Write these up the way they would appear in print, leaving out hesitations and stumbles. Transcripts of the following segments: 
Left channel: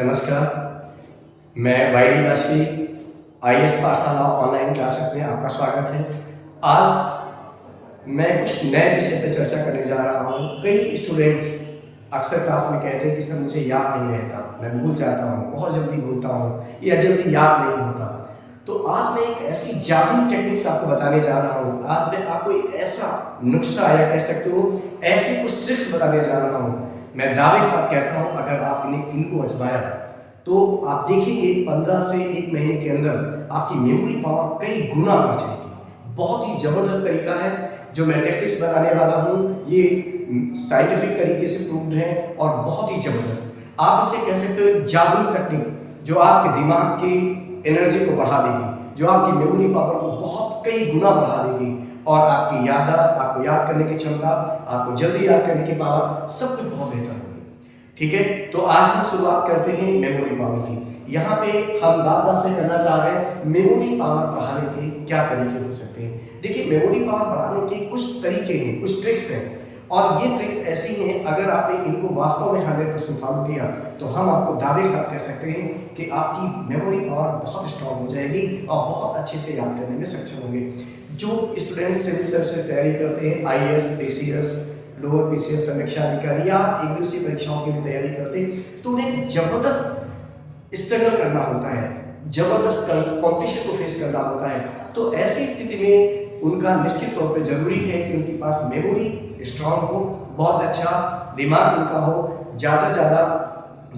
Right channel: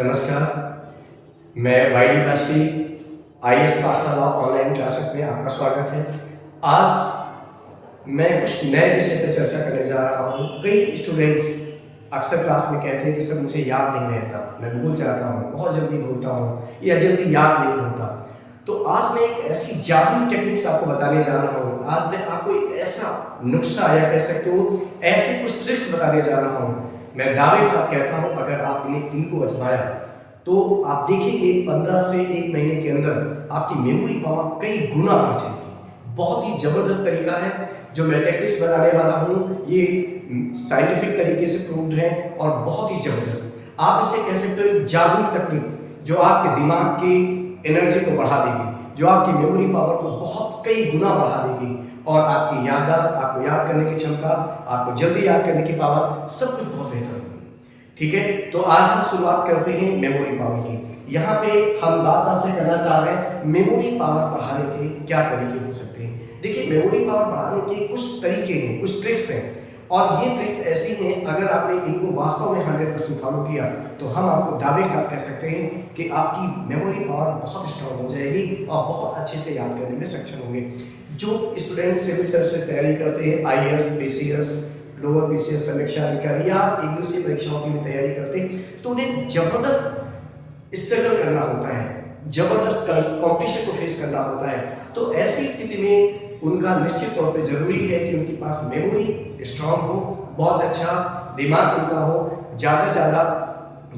नमस्कार, मैं Y D Vajpayee IAS पाठशाला ऑनलाइन क्लासेस में आपका स्वागत है। आज मैं कुछ नए विषय पर चर्चा करने जा रहा हूँ। कई स्टूडेंट्स अक्सर क्लास में कहते हैं कि सर मुझे याद नहीं रहता, मैं भूल जाता हूँ, बहुत जल्दी भूलता हूँ या जल्दी याद नहीं होता। तो आज मैं एक ऐसी जादुई टेक्निक्स आपको बताने जा रहा हूँ। आज मैं आपको एक ऐसा नुस्खा या कह सकते हो ऐसे कुछ ट्रिक्स बताने जा रहा हूँ। मैं दावे के साथ कहता हूँ अगर आपने इनको आजमाया तो आप देखेंगे 15 से 1 महीने के अंदर आपकी मेमोरी पावर कई गुना बढ़ जाएगी। बहुत ही ज़बरदस्त तरीका है जो मैं टेक्निक्स बताने वाला हूँ। ये साइंटिफिक तरीके से प्रूव्ड है और बहुत ही ज़बरदस्त। आप इसे कह सकते हो एक जादुई टेक्निक जो आपके दिमाग की एनर्जी को बढ़ा देगी, जो आपकी मेमोरी पावर को बहुत कई गुना बढ़ा देगी और आपकी याददाश्त, आपको याद करने की क्षमता, आपको जल्दी याद करने की पावर, सब कुछ बहुत बेहतर होगी। ठीक है, तो आज हम शुरुआत करते हैं मेमोरी पावर की। यहाँ पे हम बात आपसे करना चाह रहे हैं मेमोरी पावर बढ़ाने के क्या तरीके हो सकते हैं। देखिए, मेमोरी पावर बढ़ाने के कुछ तरीके हैं, कुछ ट्रिक्स हैं और ये ट्रिक ऐसी हैं अगर आपने इनको वास्तव में 100% फॉलो किया तो हम आपको दावे के साथ कह सकते हैं कि आपकी मेमोरी पावर बहुत स्ट्रांग हो जाएगी और बहुत अच्छे से याद करने में सक्षम होंगे। जो स्टूडेंट्स सिविल सर्विस में तैयारी करते हैं, IAS, PCS, लोअर PCS, समीक्षा अधिकारी या एक दूसरी परीक्षाओं की भी तैयारी करते हैं तो उन्हें जबरदस्त स्ट्रगल करना होता है, जबरदस्त कंपटीशन को फेस करना होता है। तो ऐसी स्थिति में उनका निश्चित तौर पे जरूरी है कि उनके पास मेमोरी स्ट्रांग हो, बहुत अच्छा दिमाग उनका हो, ज़्यादा से ज़्यादा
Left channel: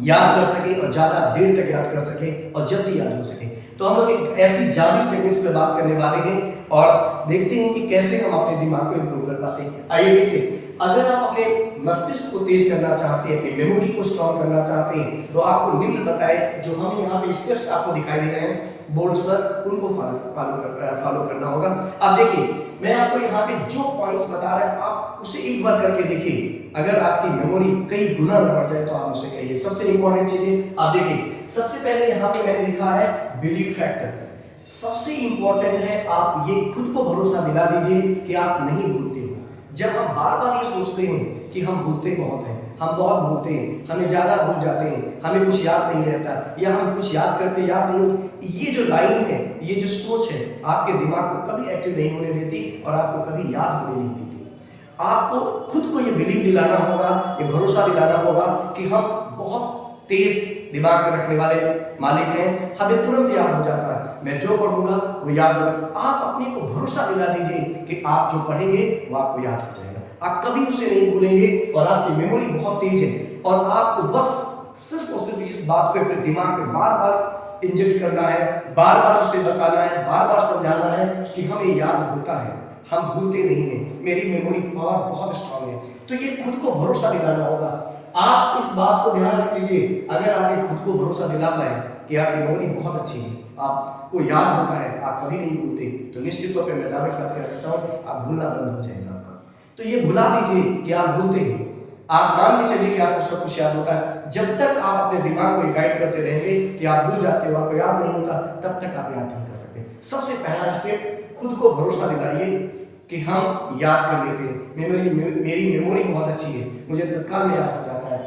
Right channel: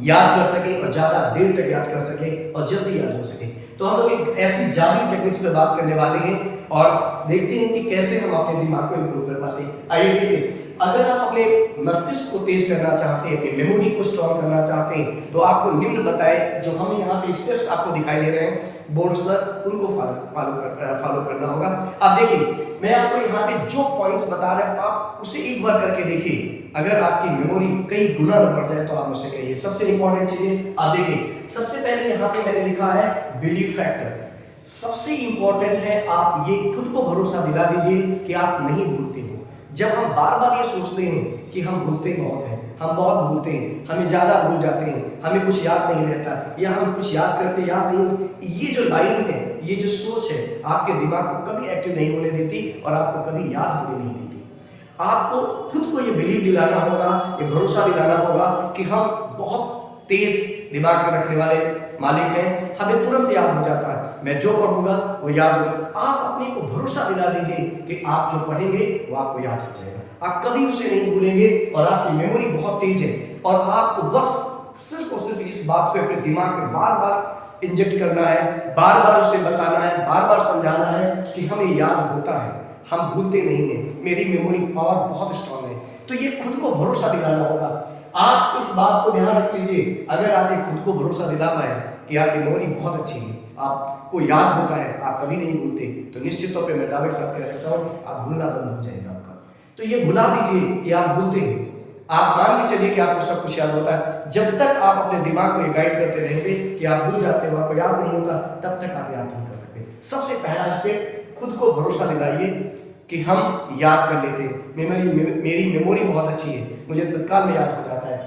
याद कर सके और ज़्यादा देर तक याद कर सके और जल्दी याद हो सके। तो हम लोग एक ऐसी जादुई टेक्निक्स पे बात करने वाले हैं और देखते हैं कि कैसे हम अपने दिमाग को इम्प्रूव कर पाते हैं। आइए देखिए, अगर आप अपने मस्तिष्क को तेज करना चाहते हैं, अपनी मेमोरी को स्ट्रॉन्ग करना चाहते हैं तो आपको निम्न बताए जो हम यहाँ पे स्टेप्स आपको दिखाई दे रहे हैं बोर्ड्स पर, उनको फॉलो करना होगा। आप देखिए, मैं आपको यहाँ पे जो पॉइंट्स बता रहा हूँ आप उसे एक बार करके देखिए। अगर आपकी मेमोरी कई गुना में बढ़ जाए तो आप मुझसे कहिए। सबसे इंपॉर्टेंट चीजें आप देखिए, सबसे पहले यहाँ पे मैंने लिखा है बिलीव फैक्टर। सबसे इंपॉर्टेंट है आप ये खुद को भरोसा दिला दीजिए कि आप नहीं भूलते हो। जब हम बार बार ये सोचते हैं कि हम भूलते बहुत हैं, हम बहुत भूलते हैं, हमें ज़्यादा भूल जाते हैं, हमें कुछ याद नहीं रहता या हम कुछ याद करते याद नहीं होते, ये जो लाइन है, ये जो सोच है आपके दिमाग को कभी एक्टिव नहीं होने देती और आपको कभी याद होने नहीं देती। आपको खुद को ये बिलीव दिलाना होगा, ये भरोसा दिलाना होगा कि हम बहुत तेज दिमाग रखने वाले मालिक हैं, हमें तुरंत याद हो जाता है, मैं जो पढ़ूंगा वो याद होगा। आप अपने को भरोसा दिला दीजिए कि आप जो पढ़ेंगे वो आपको याद हो जाएगा, आप कभी उसे नहीं भूलेंगे और आपकी मेमोरी बहुत तेज है और आपको बस सिर्फ और सिर्फ इस बात को अपने दिमाग में बार बार इंजेक्ट करना है, बार बार उसे बताना है, बार बार समझाना है कि हमें याद होता है, हम भूलते नहीं हैं, मेरी मेमोरी पावर बहुत स्ट्रांग है। तो ये खुद को भरोसा दिलाना होगा। आप इस बात को ध्यान रख लीजिए, अगर आप ये खुद को भरोसा दिला पाए कि आपकी मेमोरी बहुत अच्छी है, आपको याद होता है, आप कभी नहीं भूलते, तो निश्चित तौर पे मैं दावे के साथ कह सकता हूँ आप भूलना बंद हो जाएगा आपका। तो ये भुला दीजिए कि आप भूलते हैं। आप मान के चलिए कि आपको सब कुछ याद होता है। जब तक आप अपने दिमाग को गाइड करते रहेंगे कि आप भूल जाते हो, आपको याद नहीं होता, तब तक आप याद नहीं कर सकते। सबसे पहला स्टेप, खुद को भरोसा दिलाइए कि हम याद कर लेते हैं, मेरी मेमोरी बहुत अच्छी है, मुझे तत्काल में याद हो जाता है।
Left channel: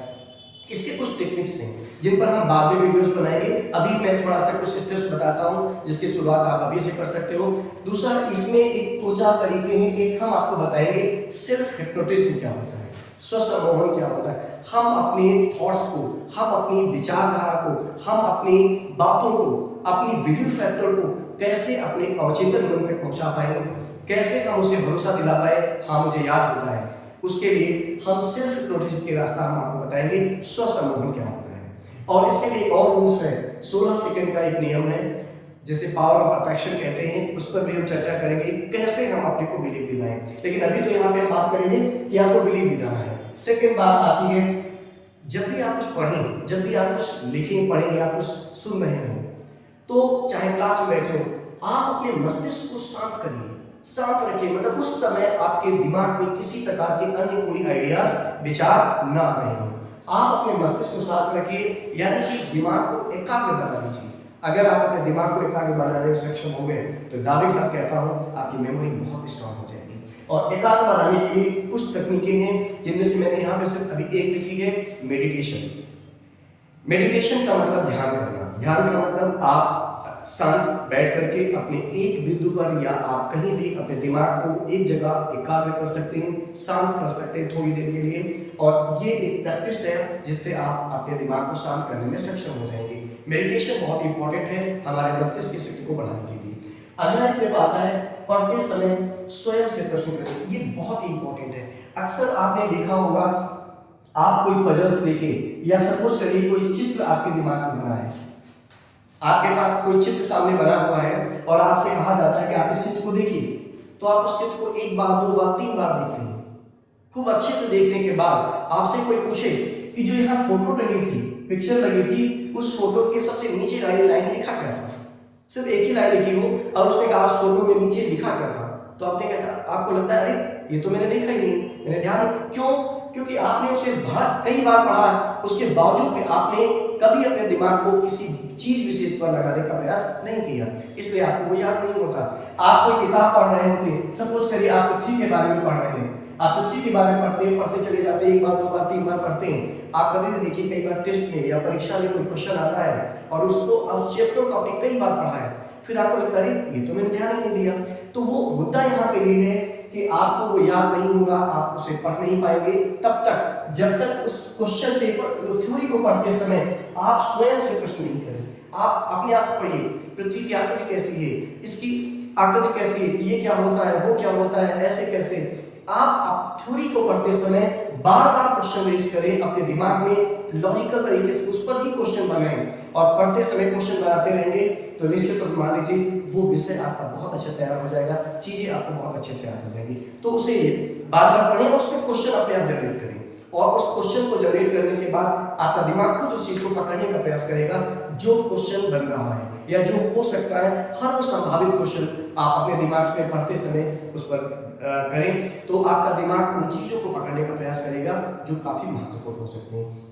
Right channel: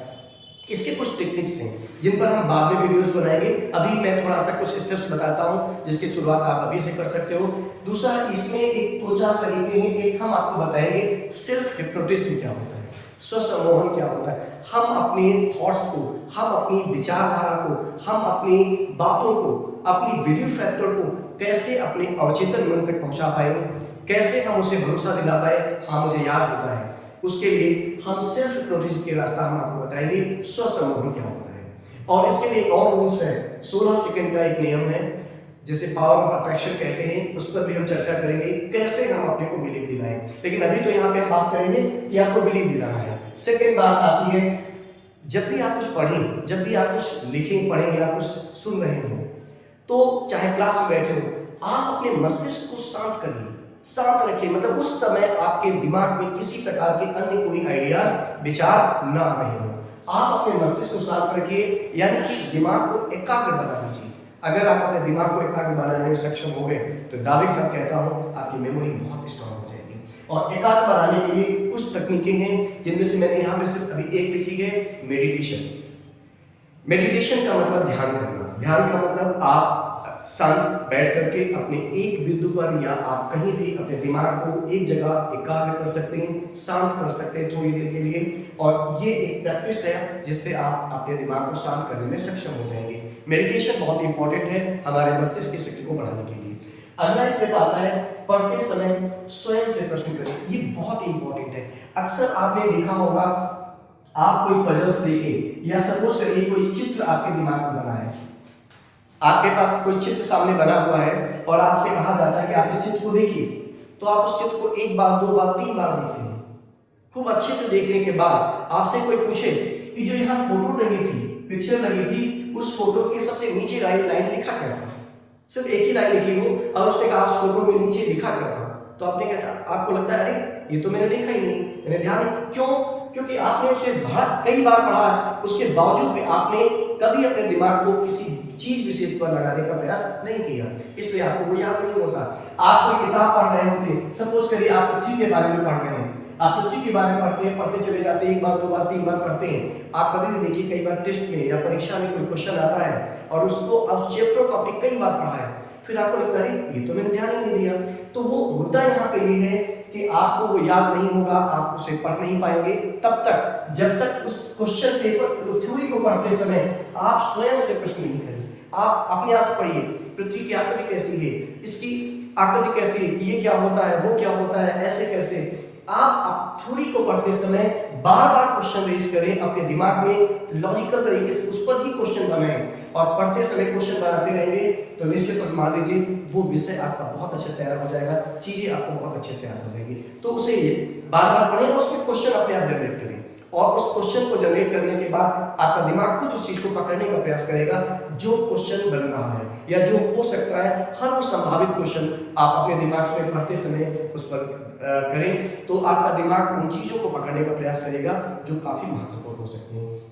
इसके कुछ टेक्निक्स हैं जिन पर हम बाद में वीडियोस बनाएंगे। अभी मैं थोड़ा सा कुछ स्टेप्स बताता हूँ जिसकी शुरुआत आप अभी से कर सकते हो। दूसरा, इसमें एक 2-4 तरीके हैं। एक हम आपको बताएंगे सेल्फ हिप्नोटिज्म क्या होता है, स्वसम्मोहन क्या होता है। हम अपने थॉट्स को, हम अपनी विचारधारा को, हम अपनी बातों को, अपनी बिलीव फैक्टर को कैसे अपने अवचेतन मन तक पहुंचा पाएंगे, कैसे हम उसे भरोसा दिला पाए हाँ मुझे याद होता है। उसके लिए हम सेल्फ हिप्नोटिज्म के रास्ता हम आपको बताएंगे स्वसम्मोहन क्या होता है। और इसके लिए और रूल्स है, 16 सेकंड का एक नियम है जिसे पावर ऑफ अट्रैक्शन कहते हैं, उस पर भी हम चर्चा करेंगे कैसे हम अपने को बिलीव दिलाएं। लेकिन अभी तो यहाँ पे हम बात करेंगे कि आपको बिलीव दिलाना है। सेकेंड बात आती है, जब भी आप कुछ पढ़ें, जब भी आप कुछ लिखें, पढ़ें या कुछ सुन रहे हो तो चाहे क्लास में बैठे हो, आप अपने मस्तिष्क को शांत करिए, शांत रखिए। मतलब उस समय आपके दिमाग में किसी प्रकार के अन्य कोई आइडियाज, विचार ना आ रहे हो। आप अपने मस्तिष्क को शांत रखिए, यानी कि दिमाग को एकाग्र बना लीजिए। अगर आप अपने दिमाग को एकाग्र बनाने में सक्षम हो गए तो दावे के साथ कहता हूँ आपकी मेमोरी बहुत स्ट्रांग हो जाएगी। और एकाग्र बनाने के लिए कुछ तकनीकें हैं जिनमें से मैंने यहाँ पे सिर्फ अभी एक लिखी है, मेडिटेशन। मेडिटेशन का मतलब ध्यान करना। ध्यान का मतलब आप शांत बैठ करके अपने एक बिंदु पर या आप कहीं भी अपने दिमाग को एक जगह एकाग्र कर सकते हैं, शांत कर सकते हैं थोड़ी देर के लिए। और ये एक प्रैक्टिस है जिससे आप अपने दिमाग को शांत करने में सक्षम हो जाएंगे। मेडिटेशन बहुत इंपॉर्टेंट है हमारे मस्तिष्क की शक्ति को बढ़ाने के लिए। अगला स्टेप आता है पढ़ते समय स्वयं से प्रश्न करें। ये बहुत ही इंपॉर्टेंट है। अक्सर आपने देखा होगा, आप कोई पजल्स देखे या सपोज करिए कोई चित्र आपके दिमाग में बना है, आपके पास कोई चित्र सामने बना हुआ है और आपसे कहा जाता है कि आप इस चित्र को देखिए, तो आप उस चित्र को एक बार, दो बार, तीन बार देखते हैं। खूब अच्छे से देखने के बाद आपसे कोई पूछे कि जो यहाँ फोटो लगी थी, पिक्चर लगी थी, उस फोटो के सबसे नीचे लाइन लिखा क्या था? सिर्फ एक ही लाइन लिखी हो और उसने कहा उस फोटो में नीचे लिखा क्या था, तो आपने कहता, आपको लगता है अरे ये तो मैंने देखा ही नहीं, मैंने ध्यान नहीं। क्यों? क्योंकि आपने उसे कई बार पढ़ा है, उसके बावजूद भी आपने कभी अपने दिमाग को किसी चीज विशेष पर लगाने का प्रयास नहीं किया, इसलिए आपको वो याद नहीं होता। आप कोई किताब पढ़ रहे होते, सपोज करिए आप पृथ्वी के बारे में पढ़ रहे हैं, आप पृथ्वी के बारे में पढ़ते चले जाते हैं, एक बार, दो बार, तीन बार पढ़ते हैं। आप कभी भी देखिए, कई बार टेस्ट में या परीक्षा में कोई क्वेश्चन आता है और उसको उस चैप्टर को आपने कई बार पढ़ा है, फिर आपको लगता है ये तो मैंने ध्यान ही नहीं दिया। तो वो मुद्दा यहाँ पे ये है कि आपको वो याद नहीं होगा, आप उसे पढ़ नहीं पाएंगे तब तक जब तक उस क्वेश्चन पेपर थ्योरी को पढ़ते समय आप स्वयं से प्रश्न नहीं करें। आप अपने आप से पढ़िए, पृथ्वी की आकृति कैसी है, इसकी आकृति कैसी है, ये क्या होता है, वो क्या होता है, ऐसे कैसे। आप थ्योरी को पढ़ते समय बार बार क्वेश्चन रेज करें, अपने दिमाग में लॉजिकल तरीके से उस पर ही क्वेश्चन बनाएं और पढ़ते समय क्वेश्चन बनाते रहेंगे तो निश्चित रूप मान लीजिए वो विषय आपका बहुत अच्छे तैयार हो जाएगा, चीजें आपको बहुत अच्छे से याद हो जाएंगी। तो उसे बार बार पढ़ें और उसमें क्वेश्चन अपने आप जनरेट करें और उस क्वेश्चन को जनरेट करने के बाद आपका दिमाग खुद उस चीज को पकड़ने का प्रयास करेगा जो क्वेश्चन बन रहा है या जो हो सकता है। हर वो संभावित क्वेश्चन आप अपने दिमाग से पढ़ते समय उस पर करें तो आपका दिमाग उन चीजों को पकड़ने का प्रयास करेगा जो काफी महत्वपूर्ण हो सकते हैं।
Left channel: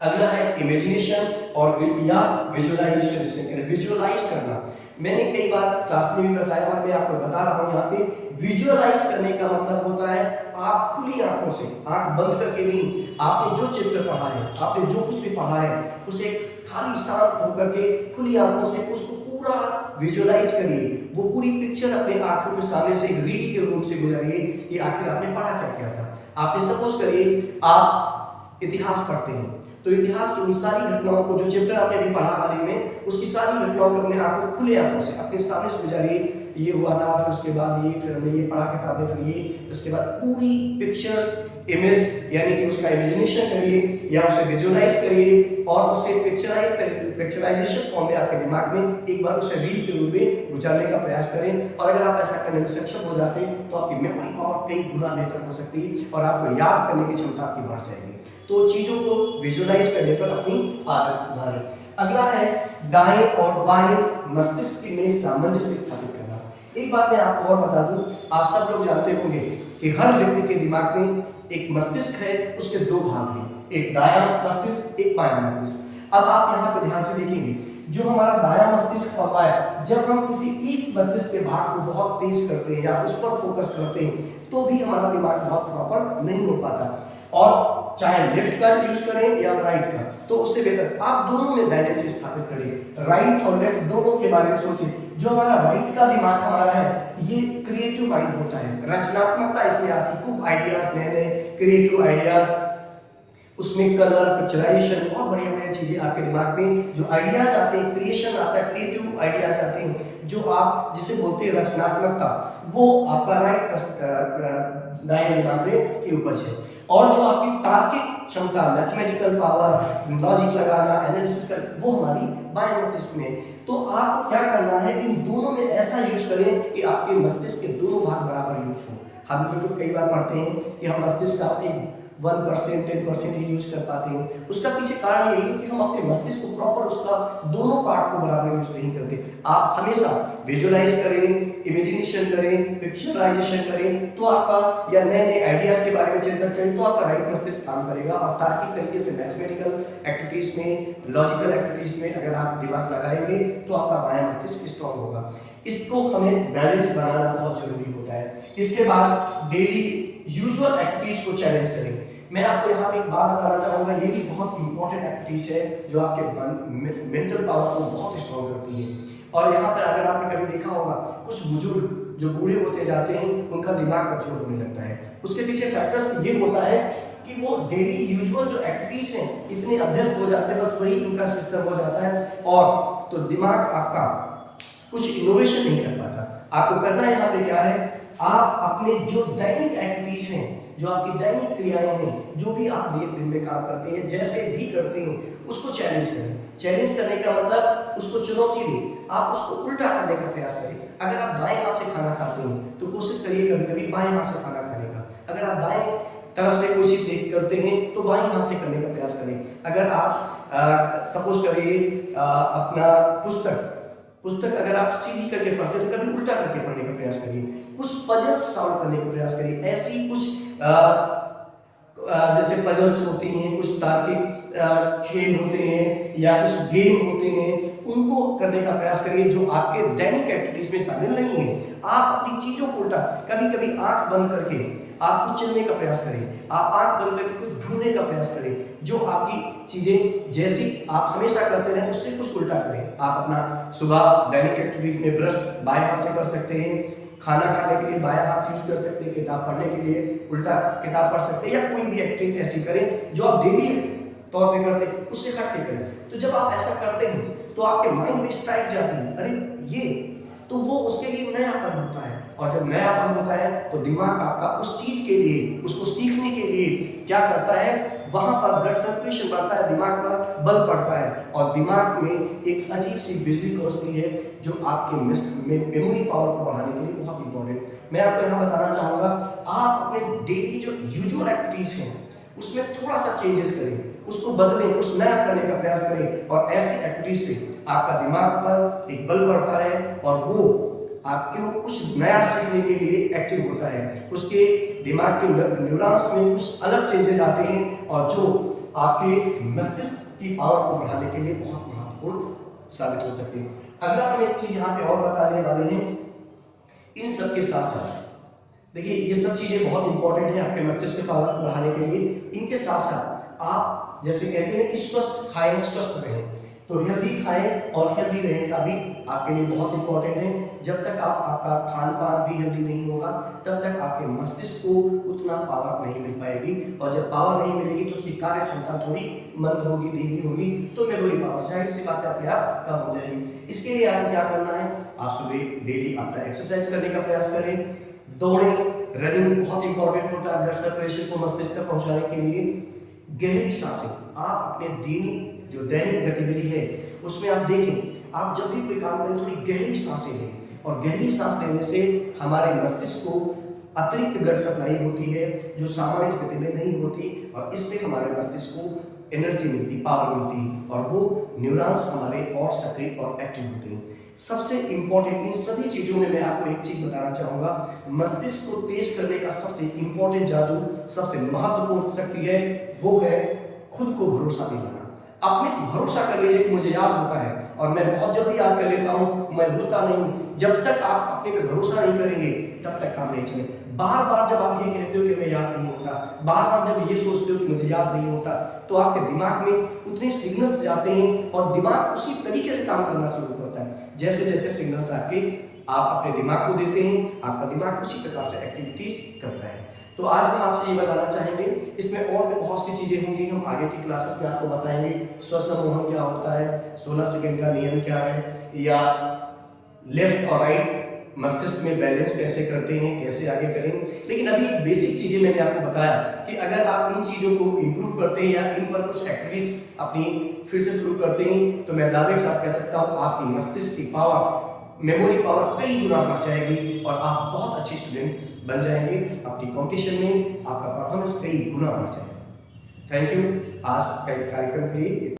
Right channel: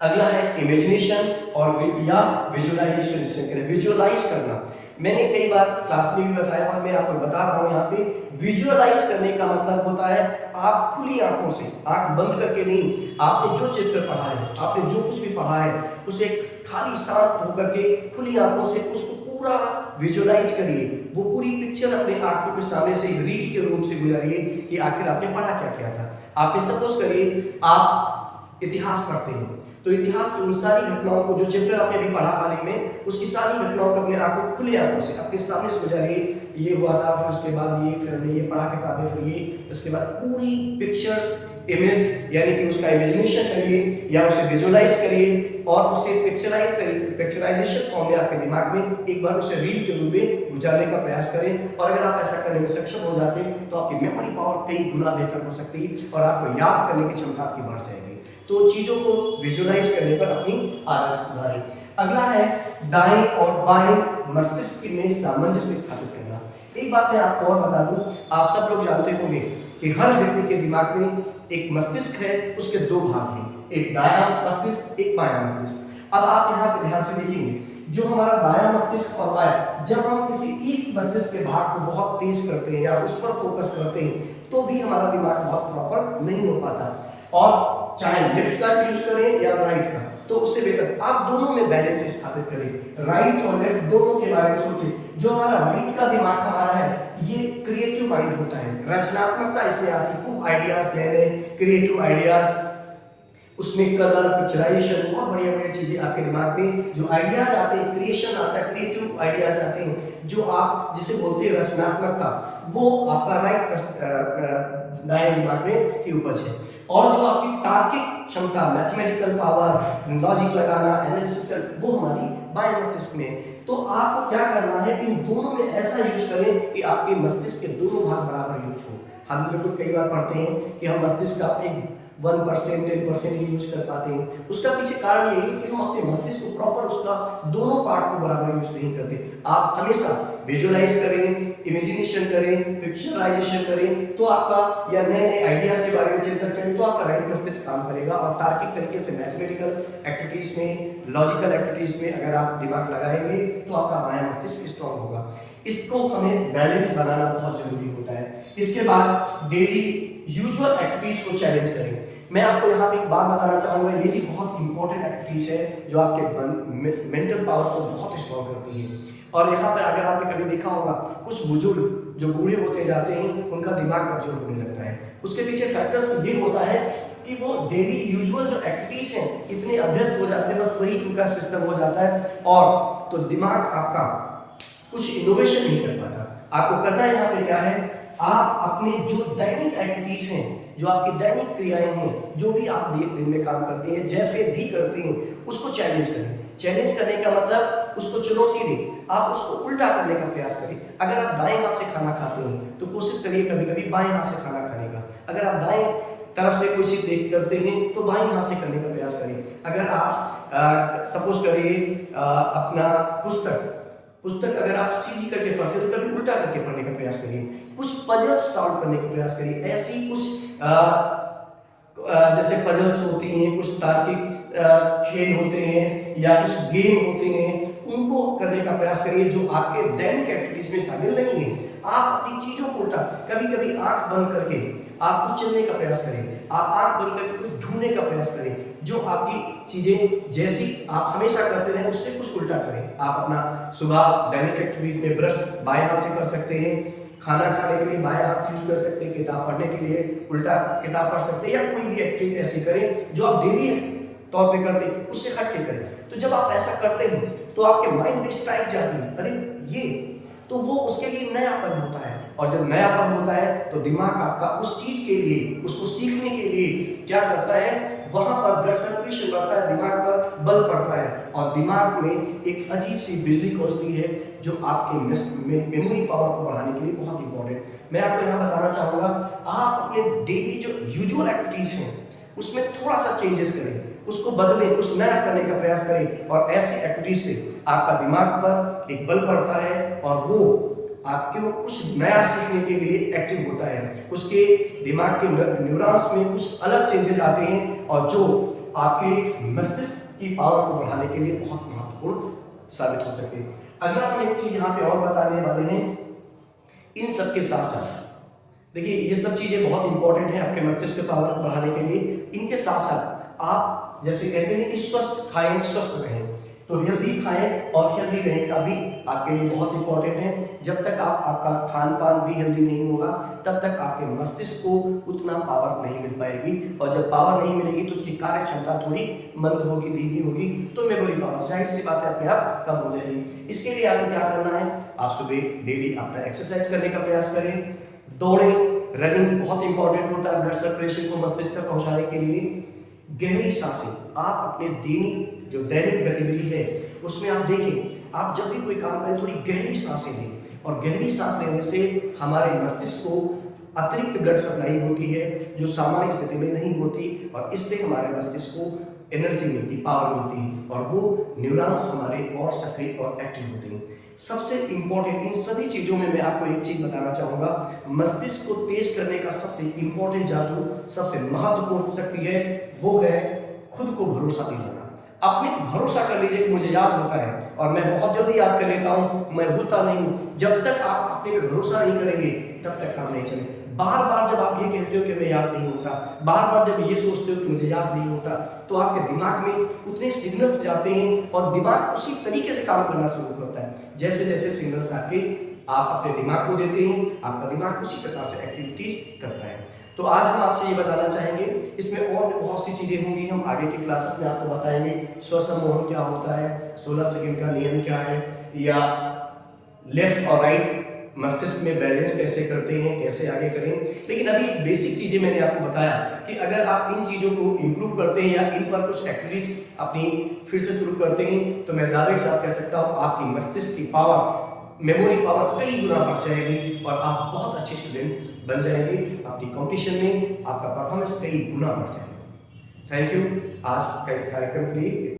अगला है इमेजिनेशन और या विजुअलाइजेशन जिसे करें, विजुअलाइज करना। मैंने कई बार क्लास में भी बताया और मैं आपको बता रहा हूँ यहाँ पे, विजुअलाइज करने का मतलब होता है आप खुली आंखों से, आंख बंद करके नहीं, आपने जो चैप्टर पढ़ा है, आपने जो कुछ भी पढ़ा है उसे खाली शांत होकर के खुली आंखों से उसको पूरा विजुअलाइज करिए। वो पूरी पिक्चर अपने आंखों के सामने से एक रील के रूप से गुजारिए कि आखिर आपने पढ़ा क्या क्या था। आपने सपोज करिए आप इतिहास पढ़ते हैं तो इतिहास की उन सारी घटनाओं को जो चैप्टर आपने अभी पढ़ा हाल ही में, उसकी सारी घटनाओं को अपने आंखों खुले आंखों से अपने सामने से गुजारिए। ये हुआ था, फिर उसके बाद ये, फिर हमने ये पढ़ा किताबें, फिर ये, इसके बाद पूरी पिक्चर्स, इमेज यानी कि उसका इमेजिनेशन करिए या उसे विजुअलाइज करिए और उसे पिक्चराइजेशन फॉर्म में आपके दिमाग में एक बार उसे रील के रूप में गुजारने का प्रयास करें। और अगर आप ऐसा करने में सक्षम हो जाते हैं तो आपकी मेमोरी पावर कई गुना बेहतर हो सकती है और आपको याद करने की क्षमता आपकी बढ़ जाएगी। तो चीजों को विजुअलाइज करने पर अपनी आदत सुधारें। अगला है दाएं और बाएं मस्तिष्क में सामंजस्य स्थापित करना। एक बात मैं आपको और बता दूं, आप सब लोग जानते होंगे कि हर व्यक्ति के दिमाग में एक मस्तिष्क है, उसके दो भाग हैं, एक दायां मस्तिष्क, एक बायां मस्तिष्क। अब आप यहाँ पे ध्यान से देखेंगे, जो हमारा दायां मस्तिष्क और बायां, जब हम किसी एक मस्तिष्क के भाग को बहुत तेज करते हैं या उस पर फोकस करते हैं तो भी हमारा दिमाग बहुत प्रॉपर नहीं हो पाता। और चाहे लेफ्ट का यूज करें या राइट का, तो उससे बेहतर आप दोनों में बैलेंस स्थापित करें। राइट और लेफ्ट दोनों के बारे में सोचिए। जो हमारा राइट का दिमाग हमारा है, ये क्रिएटिव माइंड होता है, रचनात्मकता इसमें आती है, खूब आइडियाज, नए नए क्रिएटिव आइडियाज, उसमें कलर, पिक्चराइजेशन, बहुत बढ़िया बढ़िया चीजें आपके दिमाग में जो आइडियाज आते हैं, क्रिएशन आता है, क्रिएटिव आइडियाज आते हैं, जो आप जिसे बोलते हैं रचनात्मकता, वो आपका राइट दाएं दिमाग में की उपज है। और जो आपकी तार्किक क्षमता, मैथमेटिकल पावर, लॉजिक लगाना, एनालिसिस कर, वो हमारी बाएं मस्तिष्क में। तो आपको क्या करना है, इन दोनों में ऐसा यूज करें कि आपके मस्तिष्क के दोनों भाग बराबर यूज हो। हम लोग कई बार पढ़ते हैं कि हम मस्तिष्क का एक 1%, 10% ही यूज कर पाते हैं। उसका पीछे कारण यही है कि हम अपने मस्तिष्क को प्रॉपर उसका दोनों पार्ट को बराबर यूज नहीं करते। आप हमेशा विजुअलाइज करें, इमेजिनेशन करें, पिक्चराइजेशन करें तो आपका, या नए नए आइडियाज के बारे में चिंतन करें तो आपका राइट मस्तिष्क काम करेगा। और तार्किक तरीके से मैथमेटिकल एक्टिविटीज में, लॉजिकल एक्टिविटीज में अगर आप दिमाग लगाएंगे तो आपका बायां मस्तिष्क स्ट्रॉन्ग होगा। इसको हमें बैलेंस बनाना बहुत जरूरी होता है। इसके बाद डेली यूजुअल एक्टिविटीज को चैलेंज करें। मैं आपको यहाँ पे एक बात बताना चाहूंगा, ये भी बहुत बहुत इंपॉर्टेंट एक्टिविटीज है जो आपके मेंटल पावर को बहुत स्ट्रॉन्ग करती है। और यहाँ पर अगर आपने कभी देखा होगा, कुछ बुजुर्ग जो बूढ़े होते जाते हैं उनका दिमाग कमजोर होने लगता है। उसके पीछे फैक्टर्स ये होता है कि वो डेली यूजुअल जो एक्टिविटीज हैं इतने अभ्यस्त हो जाते हैं, बस वही उनका सिस्टम हो जाता है, और तो दिमाग आपका कुछ इनोवेशन नहीं कर पाता। आपको करना यहाँ पे क्या है, आप अपने जो दैनिक एक्टिविटीज हैं, जो आपकी दैनिक क्रियाएं हैं, जो भी आप दिन में काम करते हैं, जैसे भी करते हैं, उसको चैलेंज करें। चैलेंज करने का मतलब उसको चुनौती दें, आप उसको उल्टा करने का प्रयास करें। अगर आप दाएं हाथ से खाना खाते हैं तो कोशिश करिए कभी कभी बाएं हाथ से खाना खाने का। अगर आप दाएं तरफ से कोई चीज देख करते हैं तो बाएं हाथ से करने का प्रयास करें। अगर आप सपोज करिए अपना पुस्तक अगर आप सीधी करके पढ़ते हैं तो कभी उल्टा करके पढ़ने का प्रयास करिए। कुछ पजल्स सॉल्व करने का प्रयास करिए। ऐसी कुछ जैसे पजल्स होती हैं, कुछ तार्किक खेल होते हैं या कुछ गेम होते हैं, उनको करने का प्रयास करिए जो आपके दैनिक एक्टिविटीज में शामिल नहीं है। आप अपनी चीजों को उल्टा, कभी कभी आंख बंद करके आप कुछ चलने का प्रयास करें, आप आंख बंद करके कुछ ढूंढने का प्रयास करें, जो आपकी चीजें जैसी आप हमेशा करते रहे उससे कुछ उल्टा करें। आप अपना सुबह दैनिक एक्टिविटीज में ब्रश बाएं हाथ से कर सकते हैं, खाना खाने के लिए बायां हाथ यूज कर सकते हैं, किताब पढ़ने के लिए उल्टा किताब पढ़ सकते हैं, या कोई भी एक्टिविटी ऐसी करें जो आप डेली तौर पे करते हैं उससे हट के करें। तो जब आप ऐसा करते हैं तो आपके माइंड में स्ट्राइक जाती है, अरे ये तो वो उसके लिए नयापन होता है, और जब नयापन होता है तो दिमाग आपका उस चीज के लिए, उसको सीखने के लिए क्या करता है, वहां पर ब्लड सर्कुलेशन बढ़ता है, दिमाग पर बल पड़ता है, और दिमाग में एक अजीब सी बिजली खोजती है जो आपके मेमोरी पावर को बढ़ाने के लिए बहुत इंपॉर्टेंट। मैं आपको यहाँ बताना चाहूँगा, आप अपने डेली जो यूजुअल एक्टिविटीज हैं उसमें थोड़ा सा चेंजेस करें, उसको बदलें, कुछ नया करने का प्रयास करें, और ऐसी एक्टिविटीज से आपका दिमाग पर एक बल पड़ता है और वो आपके कुछ नया सीखने के लिए एक्टिव होता है। उसके दिमाग के न्यूरॉन्स में कुछ अलग चेंजेस आते हैं और जो आपके मस्तिष्क की पावर को बढ़ाने के लिए बहुत महत्वपूर्ण साबित हो सकती है। अगला हम एक चीज यहाँ पे और बताने वाले हैं, इन सब के साथ साथ देखिए ये सब चीजें बहुत इंपॉर्टेंट है आपके मस्तिष्क की पावर को बढ़ाने के लिए। इनके साथ साथ आप जैसे कहते हैं कि स्वस्थ खाएं, स्वस्थ रहें, तो हेल्दी खाएं और हेल्दी रहें का भी आपके लिए बहुत इंपॉर्टेंट है। जब तक आपका खान पान भी हेल्दी नहीं होगा तब तक आपके मस्तिष्क को उतना पावर नहीं मिल पाएगी, और जब पावर नहीं मिलेगी तो उसकी कार्य क्षमता थोड़ी मंद होगी, धीमी होगी, तो मेमोरी पावर जाहिर सी बात है अपने आप कम हो जाएगी। इसके लिए आपको क्या करना है, आप सुबह डेली अपना एक्सरसाइज करने का प्रयास करें, दौड़ें, रनिंग बहुत इंपॉर्टेंट होता है ब्लड सर्कुलेशन को मस्तिष्क तक पहुंचाने के लिए। गहरी सांसें, आप अपने दैनिक गतिविधि है उसमें आप देखें, आप जब भी कोई काम करें थोड़ी गहरी सांसें लें, और गहरी सांस लेने से हमारे मस्तिष्क को अतिरिक्त ब्लड सप्लाई होती है जो सामान्य स्थिति में नहीं होती, और इससे हमारे मस्तिष्क को एनर्जी मिलती, पावर मिलती है, और वो न्यूरॉन्स हमारे और सक्रिय और एक्टिव होते हैं। सबसे इंपॉर्टेंट इन सभी चीज़ों में मैं आपको एक चीज़ बताना चाहूँगा, मस्तिष्क को तेज करने का सबसे इंपॉर्टेंट जादू, सबसे महत्वपूर्ण शक्ति है, वो है खुद को भरोसा दिलाना। अपने भरोसा कर लीजिए कि मुझे याद होता है और मैं बहुत जल्दी याद कर लेता हूँ, मैं भूलता नहीं। जब तक आप अपने पे भरोसा नहीं करेंगे तब तक काम नहीं चले। बार बार जब आप ये कहते हो कि मैं याद नहीं होता, बार बार जब ये सोचते हो कि मुझे याद नहीं होता, तो आपके दिमाग में उतने सिग्नल्स जाते हैं और दिमाग उसी तरीके से काम करना शुरू करता है। जैसे जैसे सिग्नल्स आप अपने दिमाग को देते हैं, आपका दिमाग उसी प्रकार से एक्टिविटीज करता है। तो आज हम आपसे ये बताना चाहेंगे, इसमें और भी बहुत सी चीज़ें होंगी, हम आगे की क्लासेस में आपको बताएंगे। स्वसम्मोहन क्या होता है, 16 सेकंड का नियम क्या है, या लेफ्ट और राइट मस्तिष्क में बैलेंस कैसे करते हैं, कैसे आगे करें। लेकिन अभी बेसिक चीज़ें मैंने आपको बताया कि अगर आप इन चीज़ों को इम्प्रूव करते हैं या इन पर कुछ एक्टिविटीज अपनी फिर से शुरू करते हैं, तो मैं दावे के साथ कह सकता हूँ आपकी मस्तिष्क की पावर, मेमोरी पावर कई गुना बढ़ जाएगी और आप बहुत अच्छे स्टूडेंट बन जाएंगे। अपनी कंपटीशन में आपका परफॉर्मेंस कई गुना बढ़ जाएगा। थैंक यू आज के कार्यक्रम के लिए।